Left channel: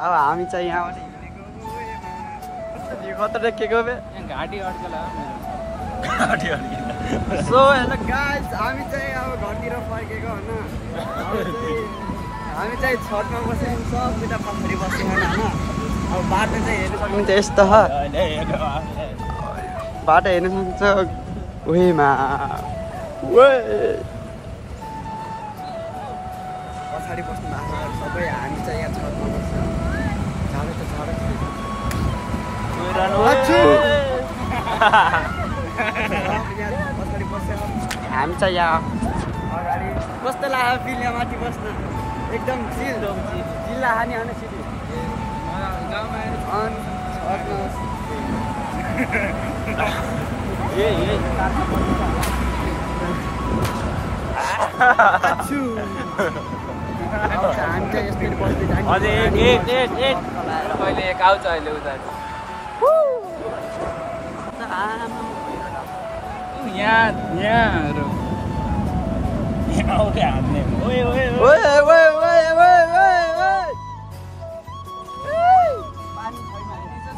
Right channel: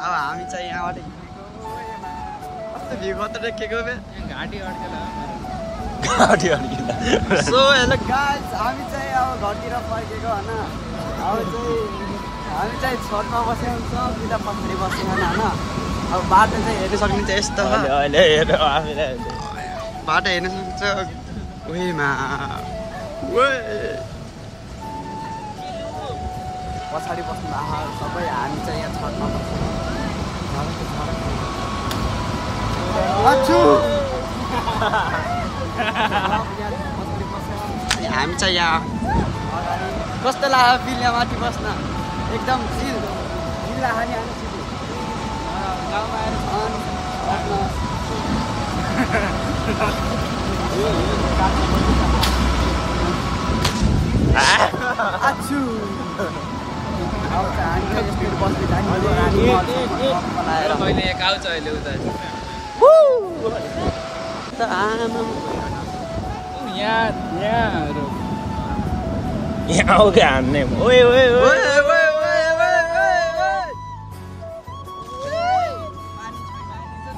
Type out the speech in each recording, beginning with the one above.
अब हामी चाहिँ यहाँबाट हिँडेको भ्यू खतरा के बे सो हेलो गाइस हामी चाहिँ अब घरतिर फर्केको होइन हामी चाहिँ छतमा बसेको हुन्छ बिदा पछाडि बसेको होइन अब बाटो चाहिँ हेर्न सक्नुहुन्छ यस्तो बाटो हेर्न सक्नुहुन्छ उहीमा पछाडि बस्नु भएको सबै हामी चाहिँ यहाँ छतमा बस्छौँ पछाडि बस्यो हामी चाहिँ यहाँ अगाडि कस्तो लाग्यो बिलिया माथि बस्न एकदम जिल्ला हानी हाने सिधै गाउँमा आएर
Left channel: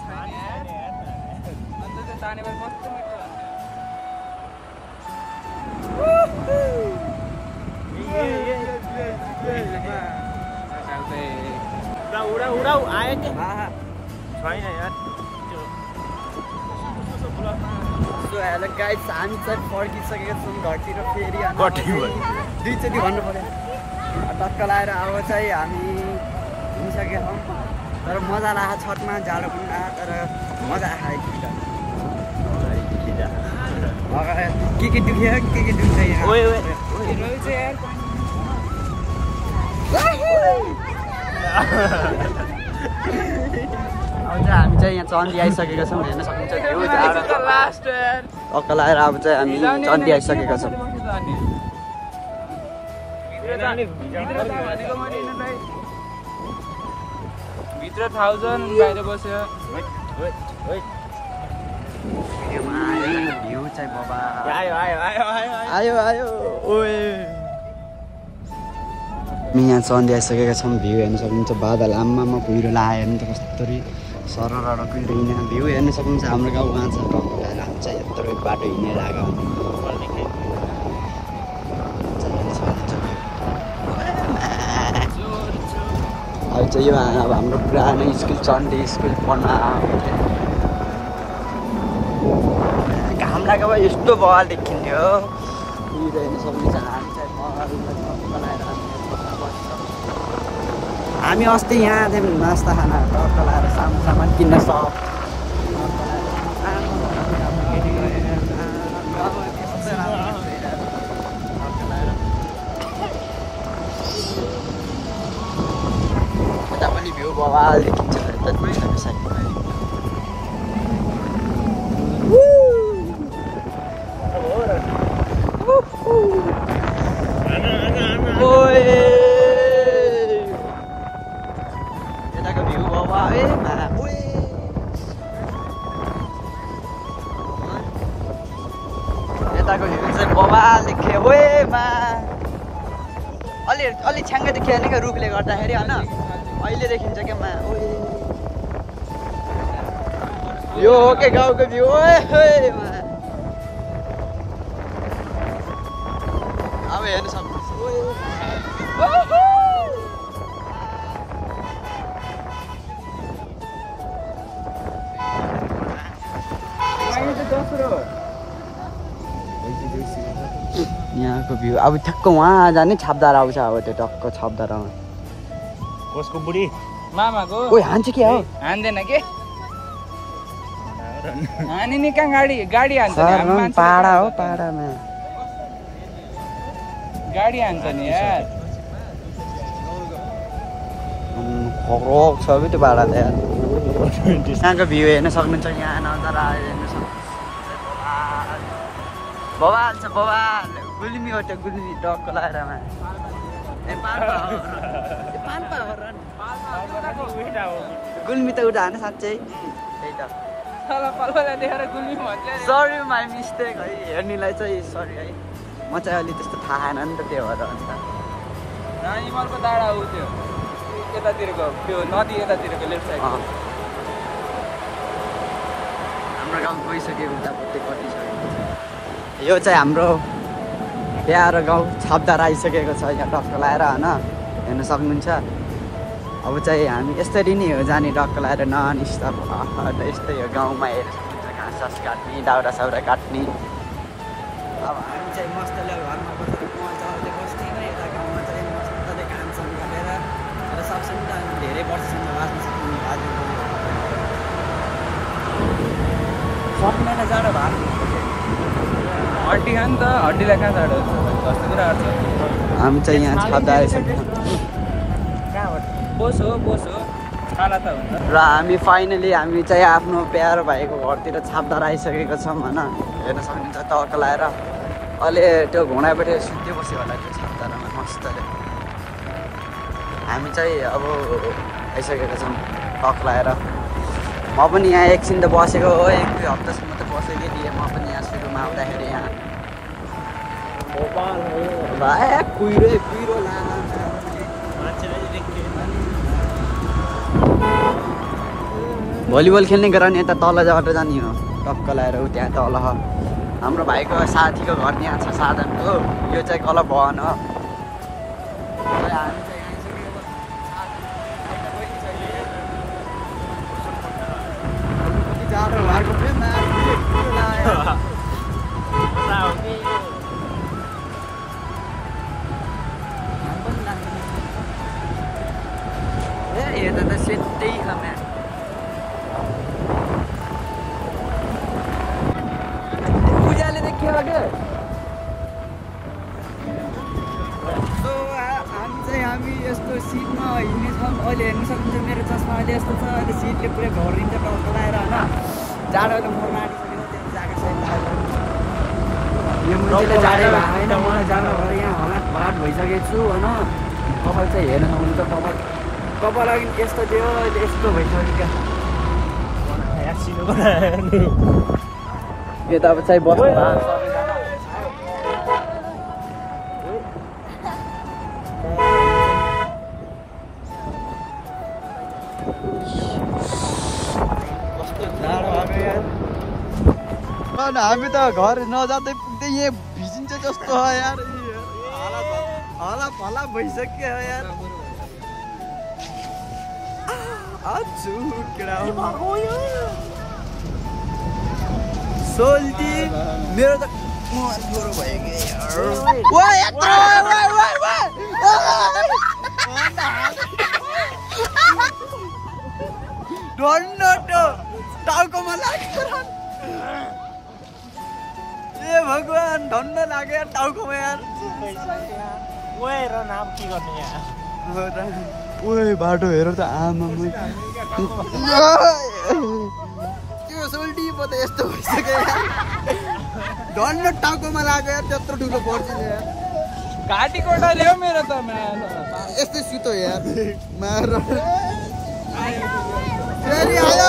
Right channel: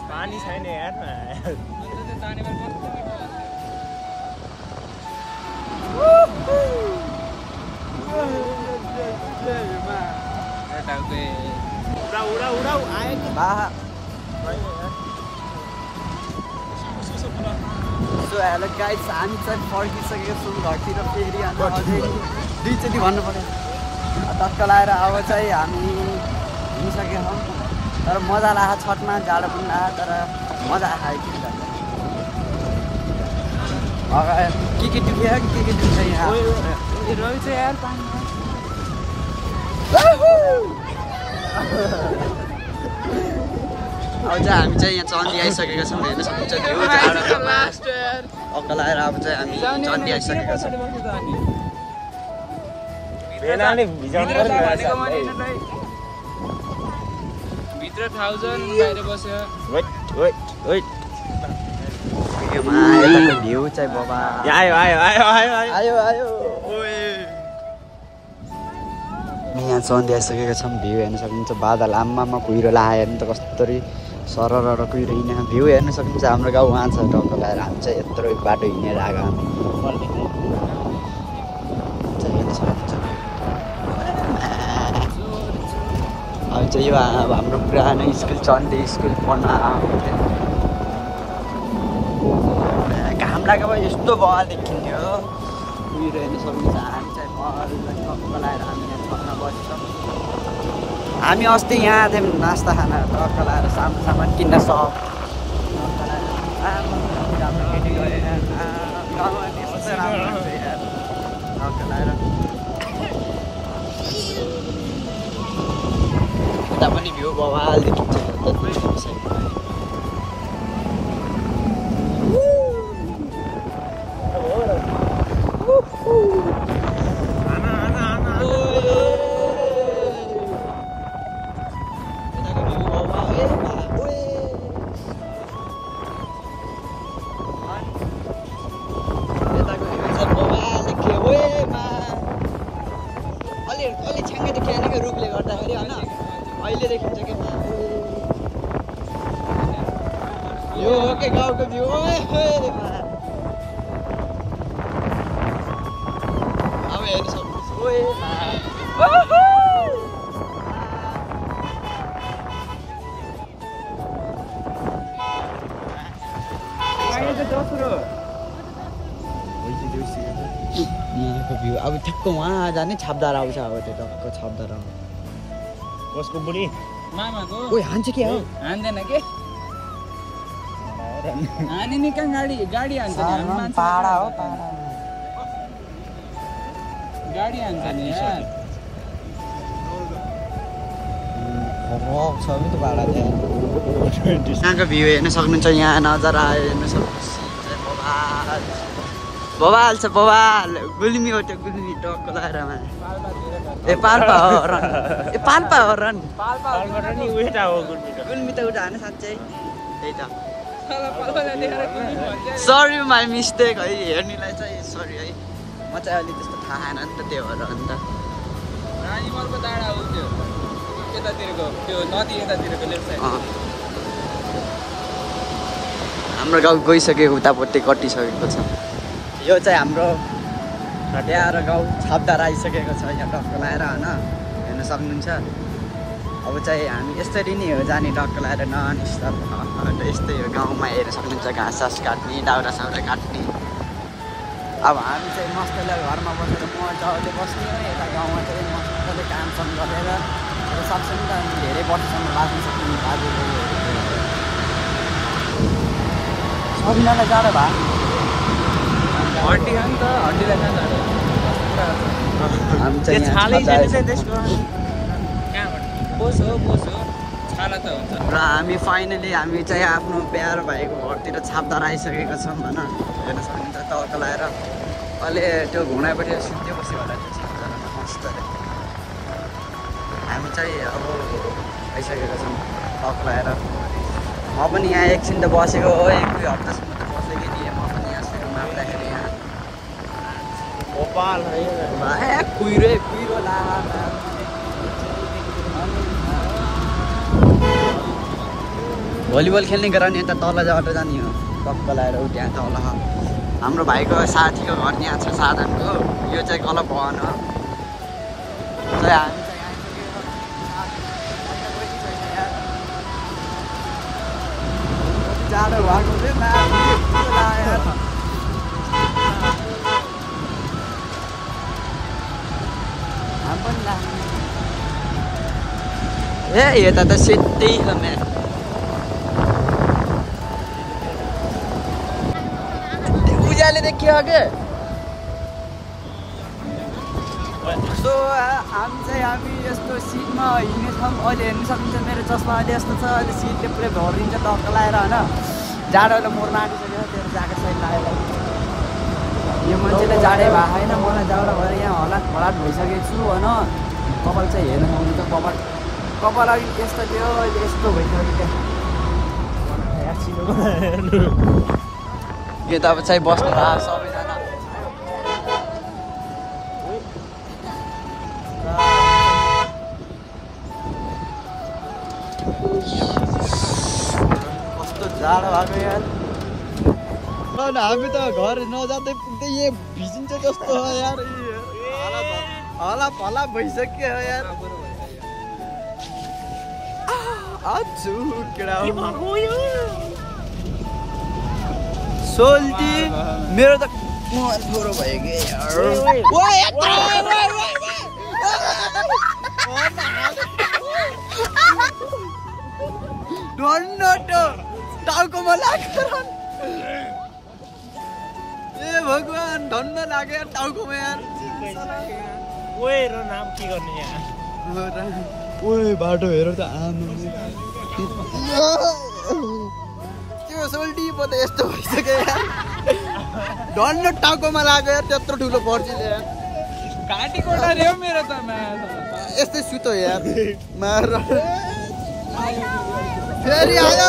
पानी छैन यार उडाउ आयो नि सो हेलो गाइस हामी चाहिँ फर्किसकेका छौँ घरतिर फेरि दुईचोटि भन्नु पऱ्यो टक्क लाएर अब चाहिँ हामी हिँडिसकेका छौँ तर मजा लाग्यो छतमा जाडो पनि लाग्यो तर मजा आयो के दुख्यो के दुख्छ यहाँ हामी चाहिँ यहाँ चन्दी आइसकेका छौँ हेर्न सक्नुहुन्छ त्यो जाडो टक्क लाएर अब चाहिँ हामी चन्दी आइसकेका छौँ भ्यू चाहिँ बाबा आयो यहाँ चन्दी आइसकेका छौँ भ्यू हेर्न सक्नुहुन्छ बादल आम्मामा कुहिरो लगायो हेर्नु त कस्तरी सरर कुहिरो हिँडेर भ्यू हेर्न सक्नुहुन्छ हाम्रो गाउँ उहाँ छ टक्क लगाएर हामी चाहिँ यत्रो बाटो हिँडेर आएको अब चाहिँ यो अब हाम्रो पुरानो स्कुल चन्दी स्कुल पढ्न घाम लागेको यस्तो बल देखिन्थ्यो कुहिरो हेर्न सक्नुहुन्छ हामी चाहिँ टक्क लगाएर हामी अस्ति यहाँ थियौँ नास्ता खाना टक्क लगाएर सामान किन्न सप यता पनि भ्यू बवाल देखिन्छ यताको भ्यू चाहिँ बवाल देखियो ओएमा अलि छ्याङ्ग देखियो नि रुखले गर्दाखेरि होइन अहिले देखिन्छ क्या मा यो हो के गाउँको भ्यू ओएमा अब हेर्नु सक्नु ओएमा यहाँको भ्यू अब ठ्याक्क वहाँ जाने छापदार आउँछ अब त्यो टक्क छापदार आउँछ कसको बुढी मामाको ओ हान्छ के हो हान्दैन के हानि नि कहाँ गाडी हान्छ नि हामी मान्छे पाडा हो पाडामा गाडी हान्छ नि यार रोक छ त्यो पाडा त यार यहाँको भ्यू हेर्न सक्नुहुन्छ यहाँ नजारा हेर्न सक्नुहुन्छ बवाल छ बवाल गुल्मी हो त्यो गुल्मी टक्क लगाएर ए पाल्पा हो रन गुल्मी त उठा हान साँच्चै त्यही त सरी माई मिस्टेक है हेर्नेलाई चाहिँ सरी है म चाहिँ अहिले त्यस्तो थाहा छैन नि त त्यो भएर अन्त यतातिरको त्यो नदी यतातिरको लेफ्ट साइड हाम्रो गाउँ गइसक्यो उतापट्टि कटिसकेको छ यो चाहिँ हाम्रो यहाँ गाउँ छापदार आइसकेको छ यहाँ टक्क लगाएर होइन हेर्न सक्नुहुन्छ अब चाहिँ हामी यसरी नै हो जाने टक्क लगाएर ननिस्ता यस्तै हो गाउँमा हेर्न सक्नुहुन्छ घाँस सास काट्ने दाउरा साउरा काट्ने अब हामी चाहिँ मस्तले घरमा बसेर मजाले बस्ने यता गाउँमा चाहिँ मस्तले कामसाम गरेर सक्छौँ नि त हामी धेरै वर्षसम्म बाँच्न सक्ने बाजेबोजूहरू सबैलाई जाडो भयो हड्डी हो नि त हड्डीलाई कहाँ जाडो हामी चाहिँ छालै छैन चाहिँ त्यसको कहाँबाट बोस हो छाला त हुन्छ र हामी फाइनली हामी चाहिँ आफ्नो प्यारो भाइको घरतिर छापदार आइसकेको छौँ होइन हेर्न सक्नुहुन्छ तल लगाएर अहिले त्यो घुँडापट्टि सुत्दै बस्यो होला त्यो छापदारमा मस्तले हामी चाहिँ अब आइसकेका छौँ टक लगाएर म पनि यहाँ एकछिन त बसेको हो 1-2 हप्तासम्म त बसेको थिएँ म पनि यहाँ सुरुमा आउँदाखेरि यहाँ कुहिरो भलिबल खेल्ने गराउने यता तल झट्ट जाने हो त्यहाँ तल हाम्रो भाइको साथीको घर यहाँ छ साधनको यो चाहिँ गलत भवन हो जाडो भएको ए यता त सेतै छ म्यान उज्याले देखियो के सो हामी यस्तो सिटमा हिँड्नेछौँ अहिले हेर्नु सक्नुहुन्छ मेरो चस्मा अहिले यस्तो छ अहिले सिटले पुरै भरिन्छ टक्क लगाएर होइन जाडो त मोरमा आँटिसक्यो त्यो ज्याकेट साइड लगाएर यो मान्छेले जाडै भएको छैन मलाई जाडो भएर यहाँ हलाट भइसकेको छु होइन कपाल चाहिँ हेर्नु नहुनु त कपाल अघि यस्तो थियो अहिले यस्तो भइसक्यो क्या यता अब चाहिँ बस्नु कस्तो जाडो भएको यार हामी त घर नजाँदै पुग्दै यहाँ भिजिन्छ जस्तो हो यार हला फला भइसक्यो यार सोल्टी मेरो त गोरो भयो कि टाउकोमा लाग्यो ए भगवान धन्न लाग्यो यार टाउकोमा यार नाम के गर्ने यहाँ ओए बाटो हेर त आमा त्यो सोल्टी पो त यस्तो भइसक्यो यार धन्न टाउकोमा लाग्यो यार त्यत्रो ठुलो पर्सीले यार घाँटी कोठरी हो मेरो त यस्तै सुतो यार मार फेरि आयो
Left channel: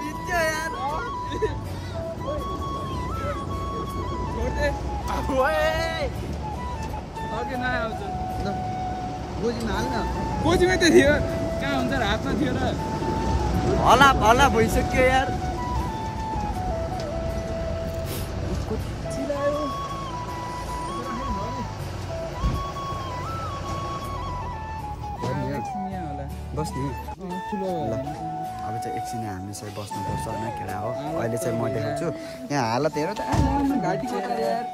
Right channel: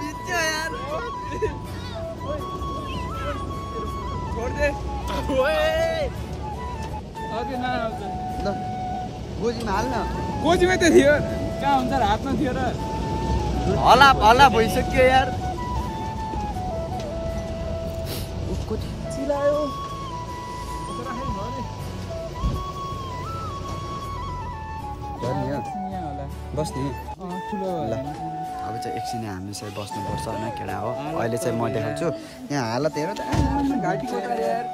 भिज्यो यार गोजीमा हाल्न गोजीमै त थियो कहाँ हुन्छ र हातमा थियो र हला भइसक्यो यार बस्ने ल अब चाहिँ एकछिन हामी चाहिँ बस्नुपर्छ होइन केटा हो अहिले चाहिँ म देखाउँछु यहाँ हालत हेर त घाँटी कोठा यार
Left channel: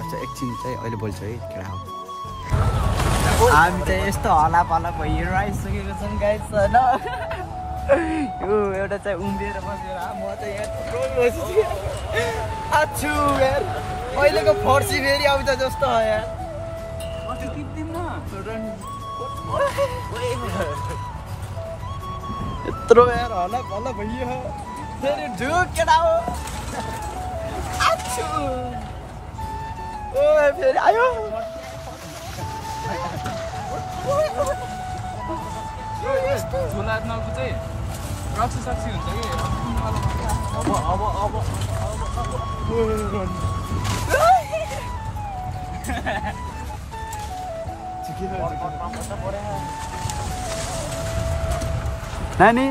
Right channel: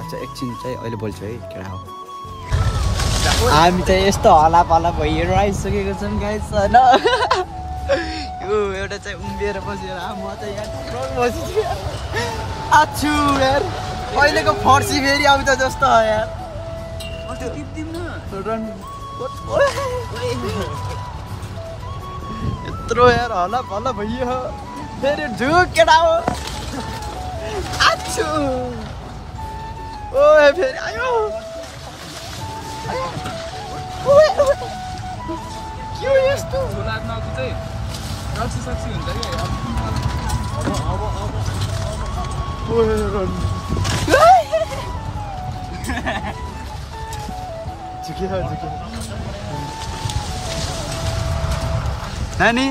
अच्छा एकछिन चाहिँ अहिले बोल्छु है केटा हो हामी चाहिँ यस्तो हलापला भइएर आइसकेको छौँ गाइस होइन यो एउटा चाहिँ उम्बिएर बसेर म चाहिँ यहाँ बसिछु यार आछु यार अहिलेको फर्सी फेरि आउँछ जस्तो हो यार यत्रो यार हला भइयो फेरि झुक केटा हो आछु ओ फेरि आयो के यस्तो नानी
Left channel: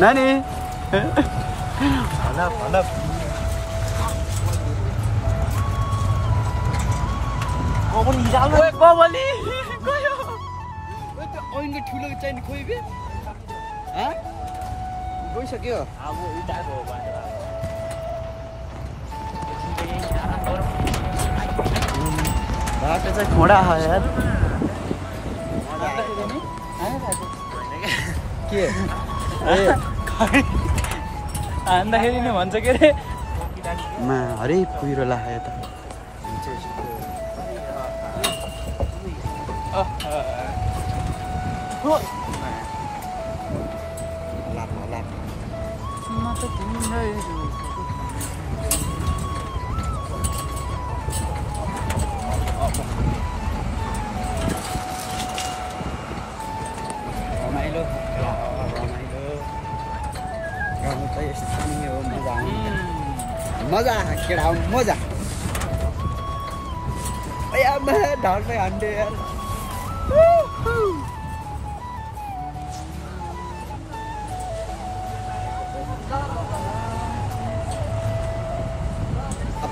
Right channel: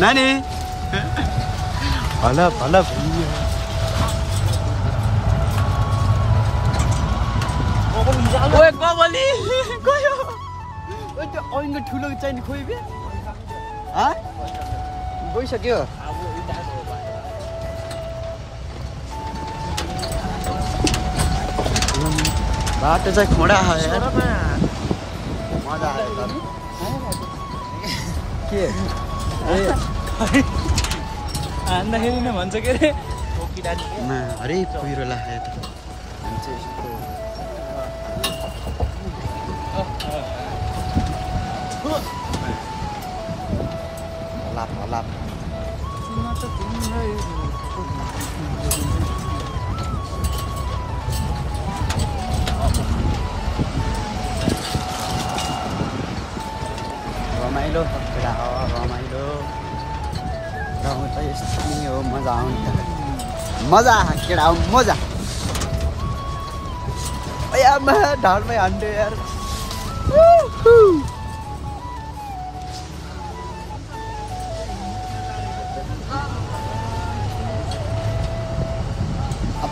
नानी भला भला ओए कबली गयो ओए त्यो ऐनको ठुलो चाहिँ खोइ बे गइसक्यो बाटो चाहिँ खोडा आयो यार मजा आयो तर के ए हान्दाखेरि नि भन्छ के रे मा हरे कुहिरो लाग्यो त हुन्छ यस्तो लाप लाप रमाइलो रमाइलो गाउँ त यस्तो नि हो मजा आउँछ मजा केटा हो मजा आमा ढाडमै हान्थ्यो यार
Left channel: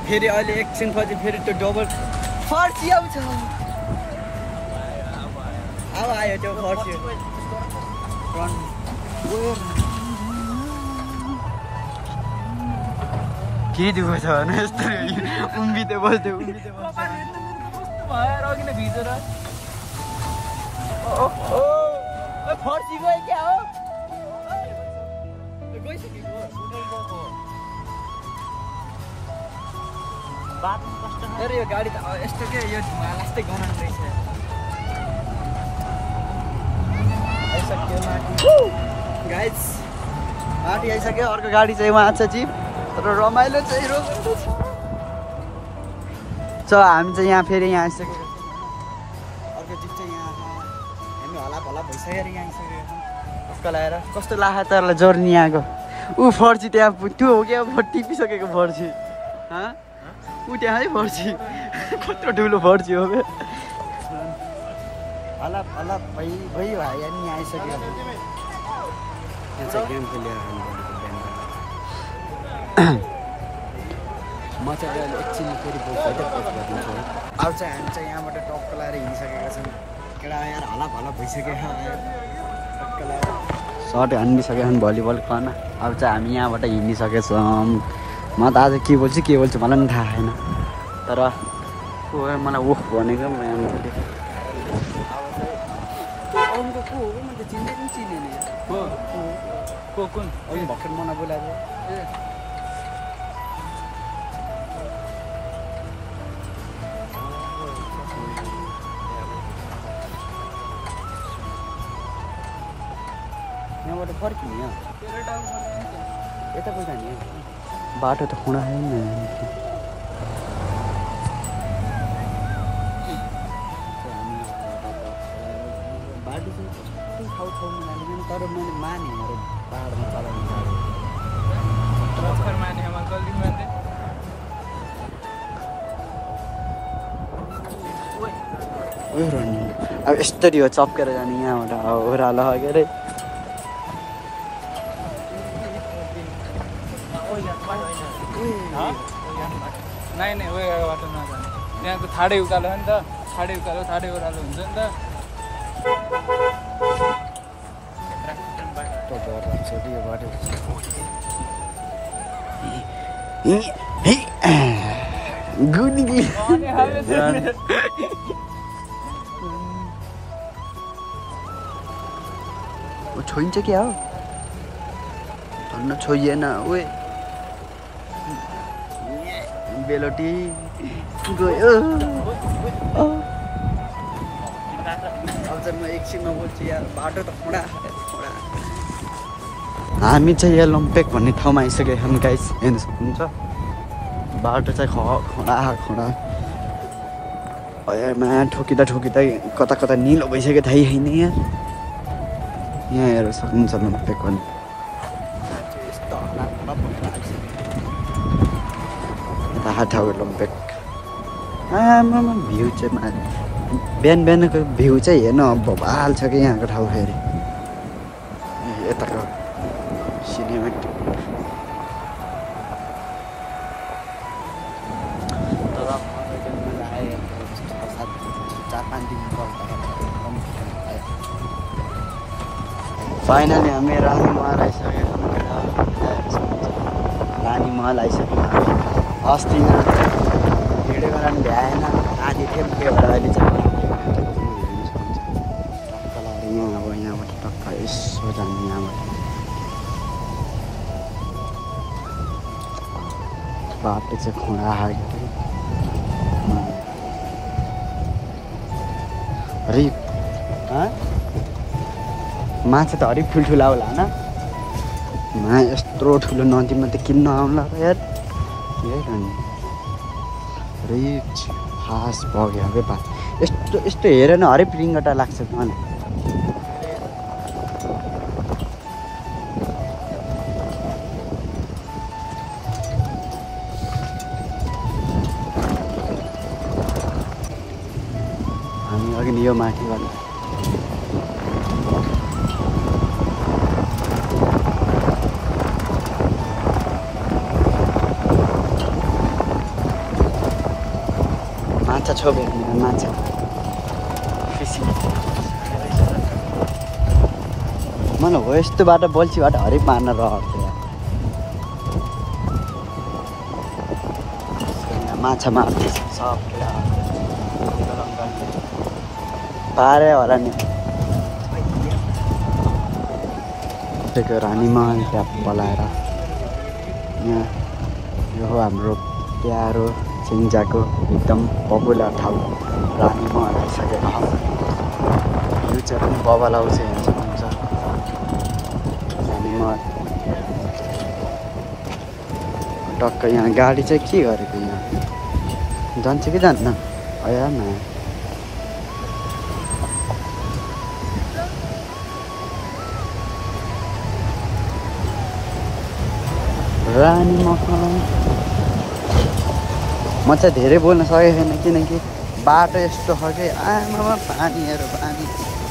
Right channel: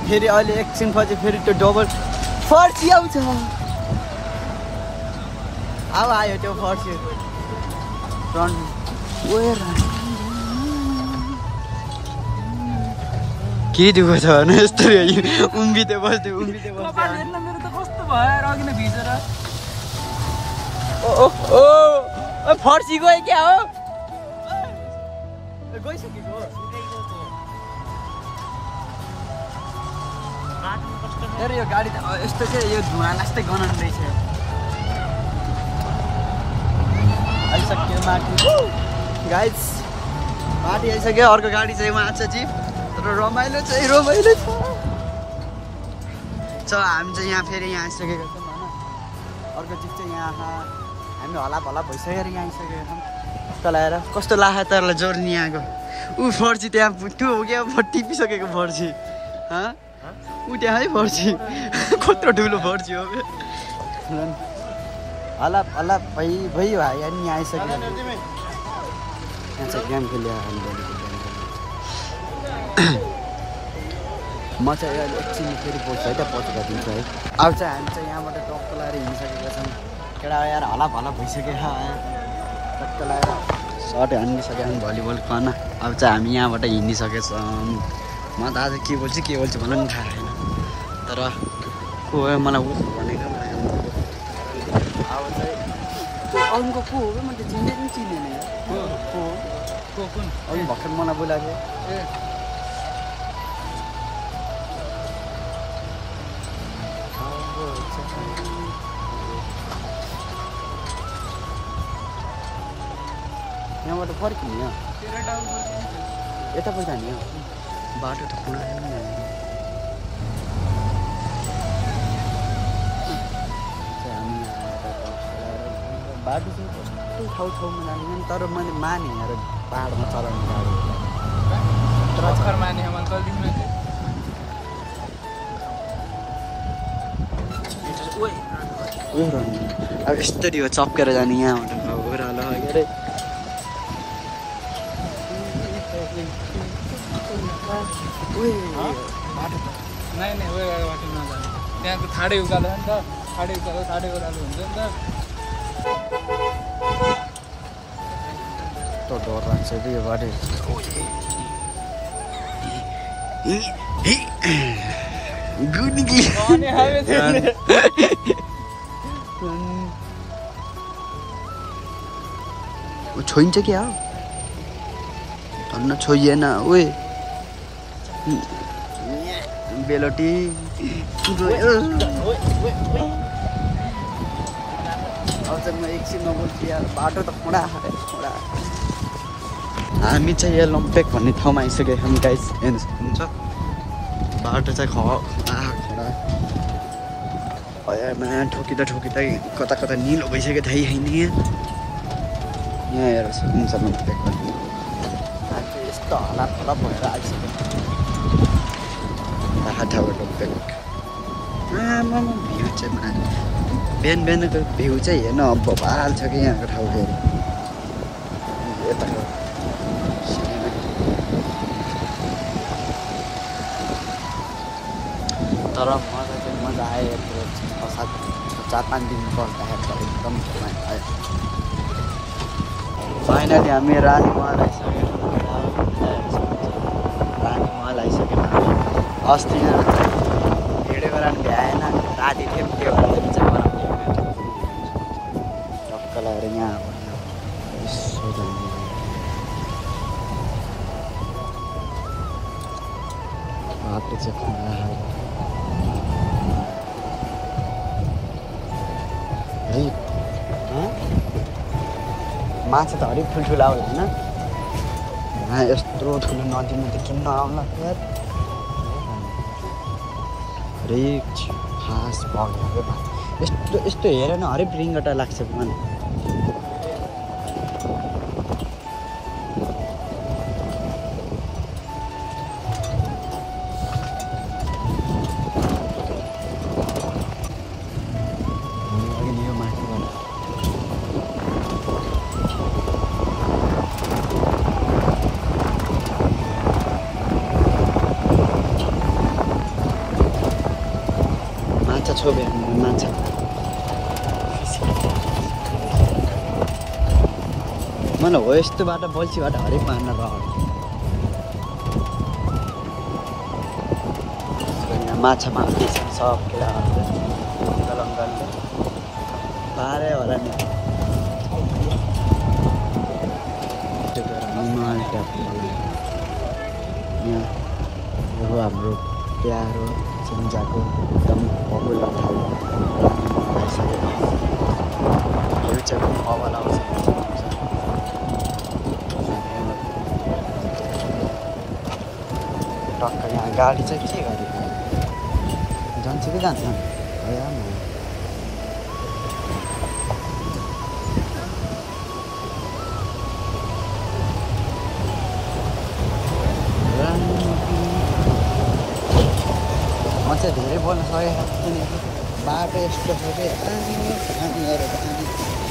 फेरि अहिले एकछिनपछि फेरि त्यो डबल फर्सी आउँछ अब आयो त्यो फर्सी के दुःख छ भने यस्तो उम्बिँदै बस्थ्यो कस्तो भयो अघि नै भिजेर फर्सी गयो क्या हो गइसकेको अरे यो गाडी त यस्तो के यो धुवा लास्टै गनाउनु रहेछ आइसक्यो माथि गाइज माथि आइसक्यो अर्को गाडी चाहिँ उहाँ छ जिप तर रमाइलो चाहिँ रमाइलो छ हामी चाहिँ यहाँ फेरि यहाँ आइसकेको छौँ होइन अर्को जिप चाहिँ यहाँ हामी हला भला भइसकेर यहाँ आइसकेका छौँ कस्तो लगाएर कस्तो लाग्यो तरलाई जोर्नी यहाँको ऊ फर्सी त्यहाँ त्यो हो क्या टिपिसकेको फर्सी ऊ त्यहाँ है फर्सी कत्रो ठुलो फर्सी हो हला हला भइ भयो भाइ अनि यहाँ आइसक्यो यहाँ चाहिँ गेम खेल्यो म चाहिँ अहिले एकछिन फेरि बोल्छु है त पछि गरिदिन्छु है अब चाहिँ हामी चाहिँ यहाँबाट टक्क लगाएर हिँडिसकेका छौँ केटा यार हला भला भइसक्यो यार टक्क लगाएर सर्ट हानिसकेका छौँ भलिबल खन अब चाहिँ हामी यहाँबाट हिँडिसकेका छौँ म त आज के बोल्छु मलाई पनि थाहा छैन तर को हो मलाई ओख भनेको म यहाँ अरूको को हो म त चिन्दै पनि चिनेन अघि भर्खर मलाई बोलाएको ए यहाँबाट फर्किने यता पो जाने बाटो त खुँडा बाटो चाहिँ कस्तो ठाउँमा जाने तर मैले माने यहाँ पाहाडमा चलाउने गाडी अब यस्तरी हो चप्केर जाने यहाँबाट ओह्रालो के अरे त्यहाँको ठाडै उकालो नि त ठाडै उकालो साढे उकालो हुन्छ नि त डर लाग्छ कि यो गाडी गुनिगी छोइन्छ क्या हो धन्न छोइएन ओए बेलटी गयो अब चाहिँ म एकछिनमा बोल्छु यार बाटो त खोडा खोडा हामी चाहिँ यहाँ लुम्पेक भन्ने ठाउँमा आइसक्यो हुन्छ बाटो चाहिँ खोडा भयोमा ठोकिँदा कता कता निलो भइसक्यो थाहै होइन यहाँ हेरेर सकिन्छ लुम्पेक भन्ने यस्तो हला भएर आइसक्यो ठाउँ पेलिक आम्म भ्यू चाहिँ बिहान बिहानको भ्यू चाहिँ हेर्नु भोपाल छ कि यहाँको ठाउँ तर मलाई चाहिँ मजा आयो 4-5 दिन बस्दाखेरि एकदम फाइनली हामी रानीमहल आइसकेका छौँ रानीमहल आइसक्यौँ हामी अस्ति भिडियो बनाउनु भ्याएन राति थियौँ त्यो भएर अहिले चाहिँ टक्क लगाएर यहाँ अब यहाँबाट टक्क यसो जाने यहाँबाट बाटो चाहिँ खुँडा हरिक माथि त हरिक ठुल्ठुला होला होइन यत्रो ठुलो नदीमा त किन्न आउँला यार हरिक खास भयो हरे बात यस्तो हेरेर न हरेक रिङ्गटा लाग्छ मलाई हामी अघि यो माथिबाट माछा छोपेर माछा मलाई हो यस्तोबाट बल्छीबाट हरेक मार्न रहर्थ्यो माछा मार्नु पारे होला नि त्यो रानीमहल ट्याप पलाएर यहाँ यो हो हाम्रो प्यारो सिङ्जाको एकदम पपुलर ठाउँ रानीमहल आइसकेको भ्यू चाहिँ पनि बबालाउँछ हेर्नुहुन्छ रानीमहल टक्क यहाँ गाडी चाहिँ के गरेको यहाँ जान्छ कि जान्न आया न रानीमहल म चाहिँ धेरै बोल्न सकेको छैन किनकि बाटो यस्तो छ कि आमा पानीहरू पानी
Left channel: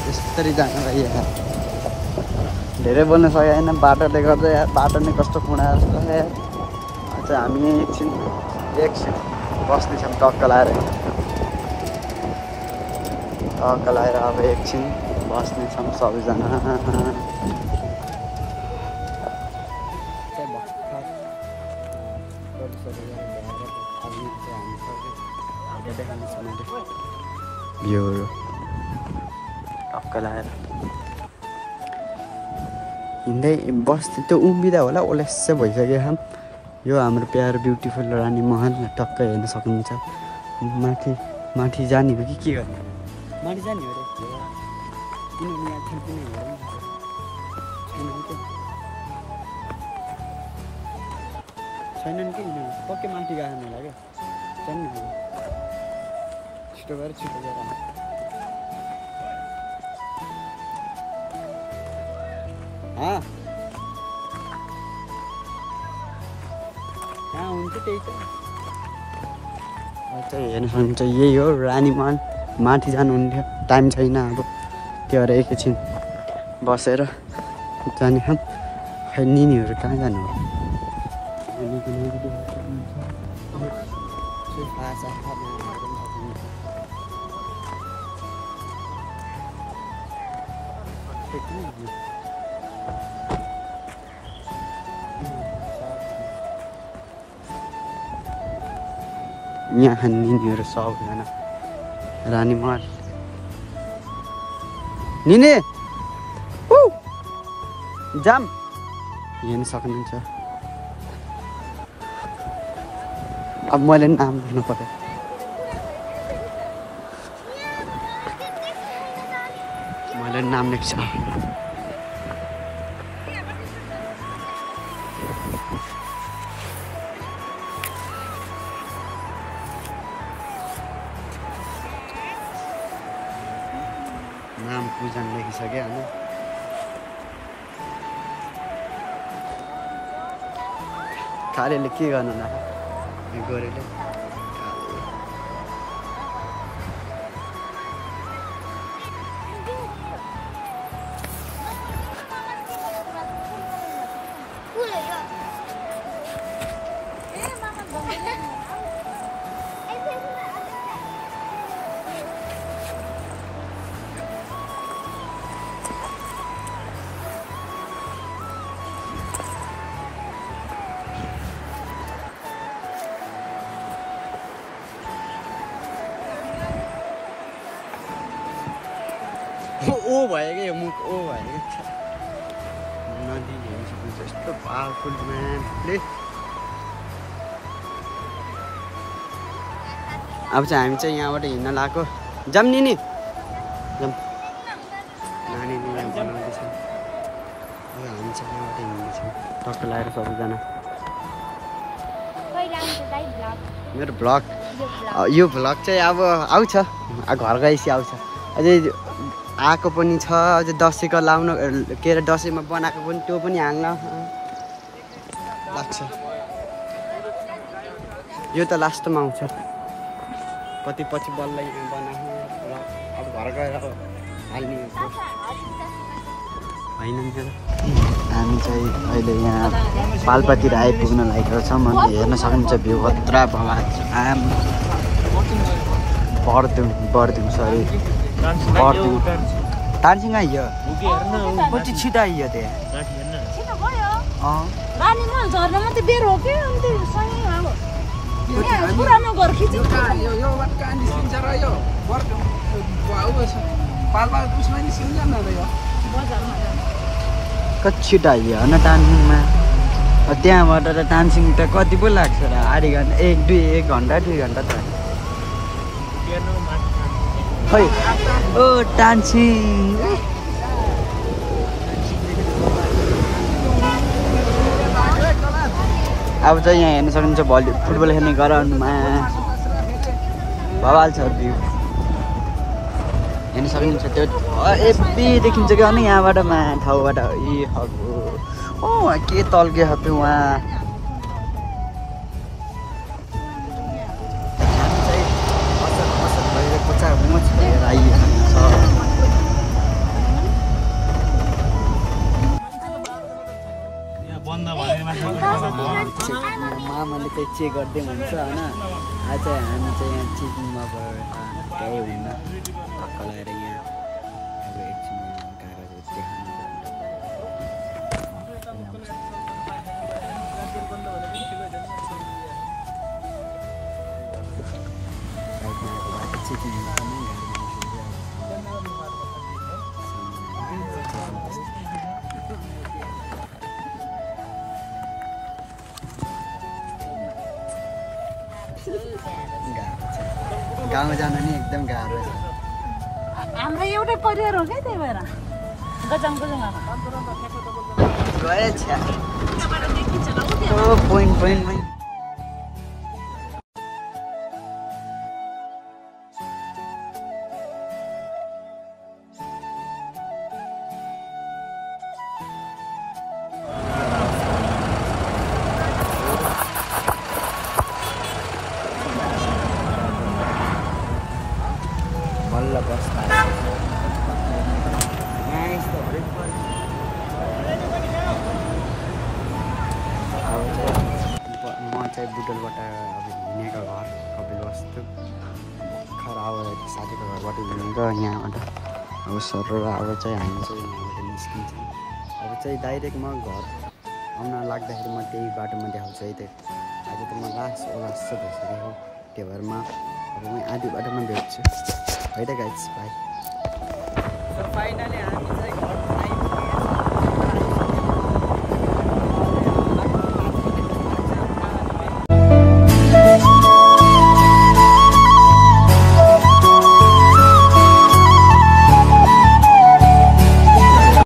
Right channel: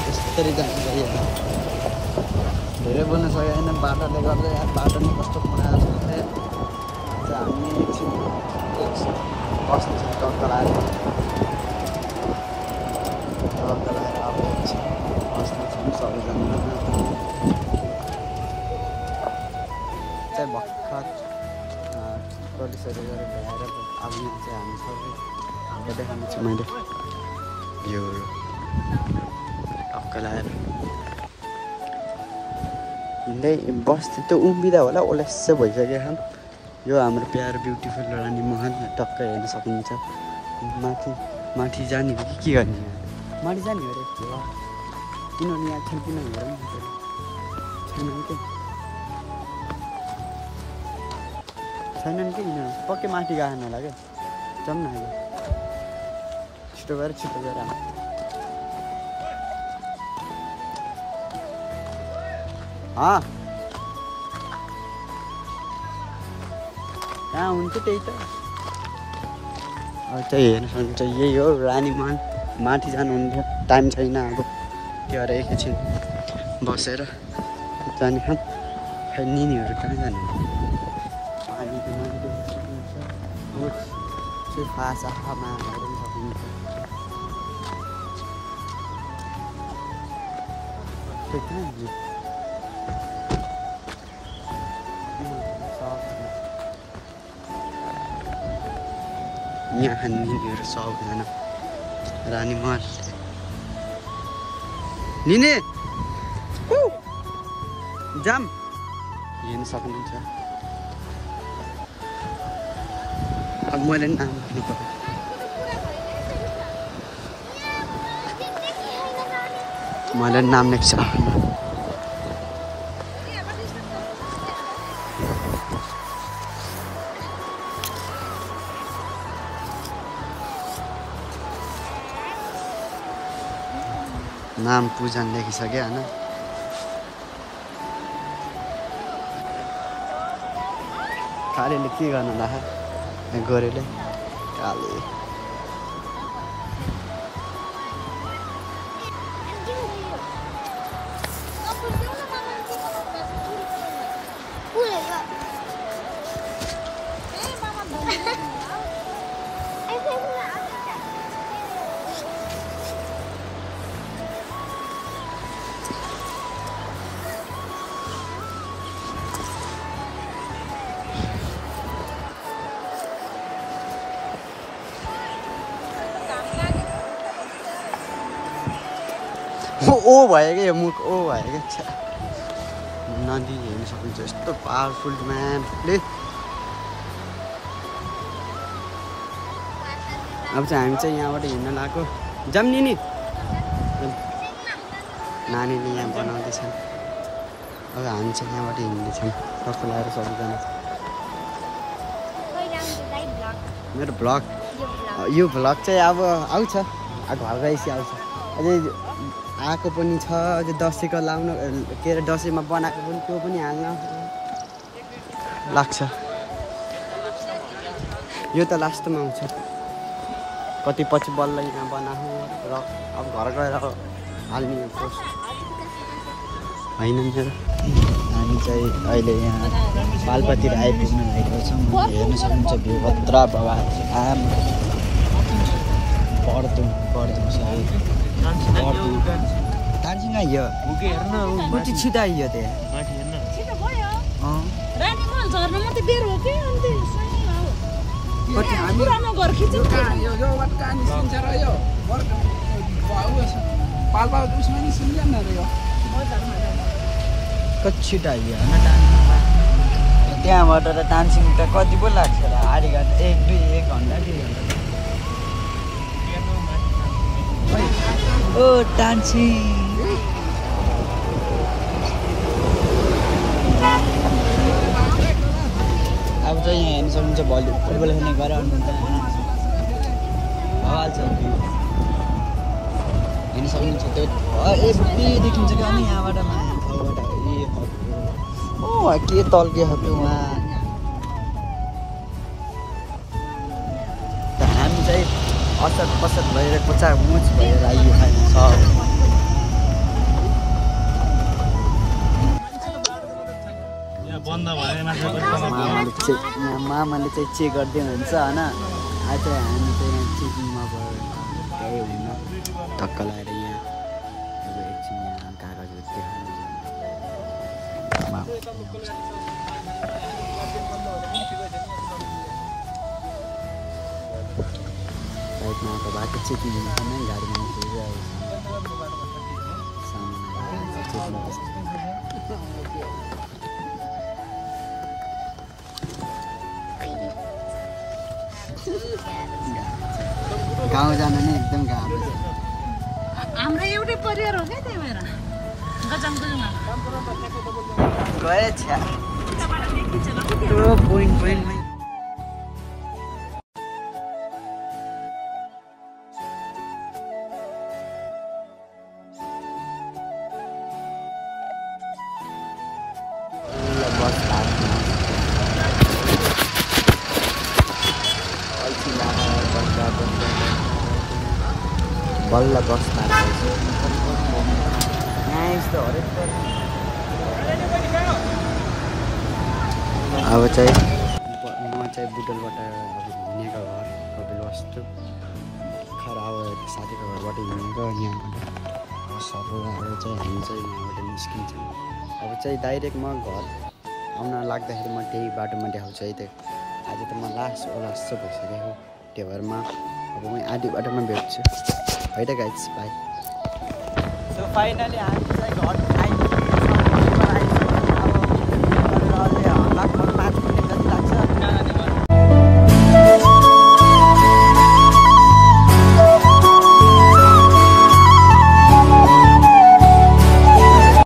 यस्तरी जान्छ यहाँ धेरै बोल्न सकेको छैन बाटोले गर्दा बाटो नै कस्तो कुँडा जस्तो छ चाहिँ हामी एकछिन बस्नेछौँ टक्क लाएर अब एकछिन बस्नेछौँ सबैजना चाहिँ भर्खर पोलिसहरू गरेर भ्याएर अब यहाँ चाहिँ हामी सबै देखाउनु छु मैले यो टक्क लाएर हिँड्दै बस्ती त उम्बिँदा होला ओलेस्सै भइसक्यो खाम यो हाम्रो प्यारो ब्युटिफुल रानीमहल टक्क हेर्न सकिन्छ माथि जाने हो कि के गर्ने माथि जाने हो रे किनभने यहाँ किन हेरौँ छैनन् कि पक्कै माथि गएन होला क्या जाउँ न अहिले यस्तो गरेर छिटो गएर कहाँ हुन्छ त्यही त त्यही हेर्न सक्नुहुन्छ यही हो रानीमहल माथि जानुहुने टाइम छैन अब त्यो भएर एकैछिन बसेर जाने खै निनीहरू कहाँ जानु आशामा हेर्न सक्नुहुन्छ यहाँ निनीहरू सबजना रानीमहल निनी जाम हेर्न सक्नुहुन्छ अब मैले नाम भन्नु पर्यो मैले नाम लेख्छ नाम पूजन लेखिसक्यो होइन खालीले के गर्नु होला गोरेले काले ओ भयो क्या मुख ओ भयो क्या नदी हेर्न सकिन्छ यस्तो पावरफुल म्यापले अब चाहिँ हामी चाहिँ यहाँबाट हिँड्न लागेको जाऊँ नि जाऊँ नानीले यहाँ बनाउँदैछन् अब हामी चाहिँ यहाँबाट हिँड्दैछौँ टक्क लगाएर सबैजना मेरो भ्लग यो भ्लग चाहिँ अब आउँछ घर गएपछि आउँछ अझै आएको पनि छ अझै दसैँको लाउनु के अरे दसैँमा बनाएको पनि त्यो पनि हाल्न लाग्छ यो त लास्टमा आउँछ कति पछि बल्ल यहाँ बनाएको र अब घर गएर हाल्ने पोस्ट होइन मेरो हामी चाहिँ अहिले यहाँ पाल्पातिर आइपुग्न लागेको छौँ अनि हेर्न सक्नुहुन्छ भ्यू खतरा बवाल आम बर्दिङ सरी बर्दिङ टान्सिङ आइयो कति छिटो आइयो त्यहाँ कति छिटो आइयो होइन टान्सिङमा त्यहाँबाट टान्सिङ त कति पो लाग्छ आधी घन्टा 1 घन्टा 2 घन्टा त खै ओ टान्सिङ अब चाहिँ यहाँ हेर्न सक्नुहुन्छ फुटबल खेल्ने ग्राउन्डमा बवाल छ भ्यू हेर्न सक्नुहुन्छ त्यो एबी देखिन्छ क्या अनि यहाँबाट ठाउँबाट ए के तल्के त्यो उहाँ हामी चाहिँ असत भएर कोचा मोच भएर आइएको छ मामाले चाहिँ चेक गर्दै हुन्छ होइन आज चाहिँ हामी चाहिँ यहाँ चेकिङमा भएर त्यही हुन्न धक्क लगाएर यहाँ अब एकछिन यहाँ कागजहरू देखाउनु साइडमा आएको बाटो चेकिङ हुन्छ नि गाडीमा गाउँ जान नि एकदम गाह्रो छ हाम्रो एउटै परिवार हो क्या त्यही भएर गजङ गएछ पोइन्ट बल्ल बस्दा यहाँ यस्तो हरेक अब चाहिँ म चाहिँ बुटलबाट अब हिँडेको घर कपिलवस्तु खराब साथीको घरबाट हिँडेको यहाँबाट अब सर अब चाहिँ हामी चाहिँ यहाँबाट निस्किन्छौँ अब चाहिँ डाइरेक्ट म घर आउन लाग्दाखेरि म त्यही बाटोमा देखाउँछु है त्यो आज त म लास्ट भइसकेको त्यो भएर म अब म आधी बाटोमा भेट्छु है त गाइज बाई सो फाइनली हामी चाहिँ घर आइपुगेको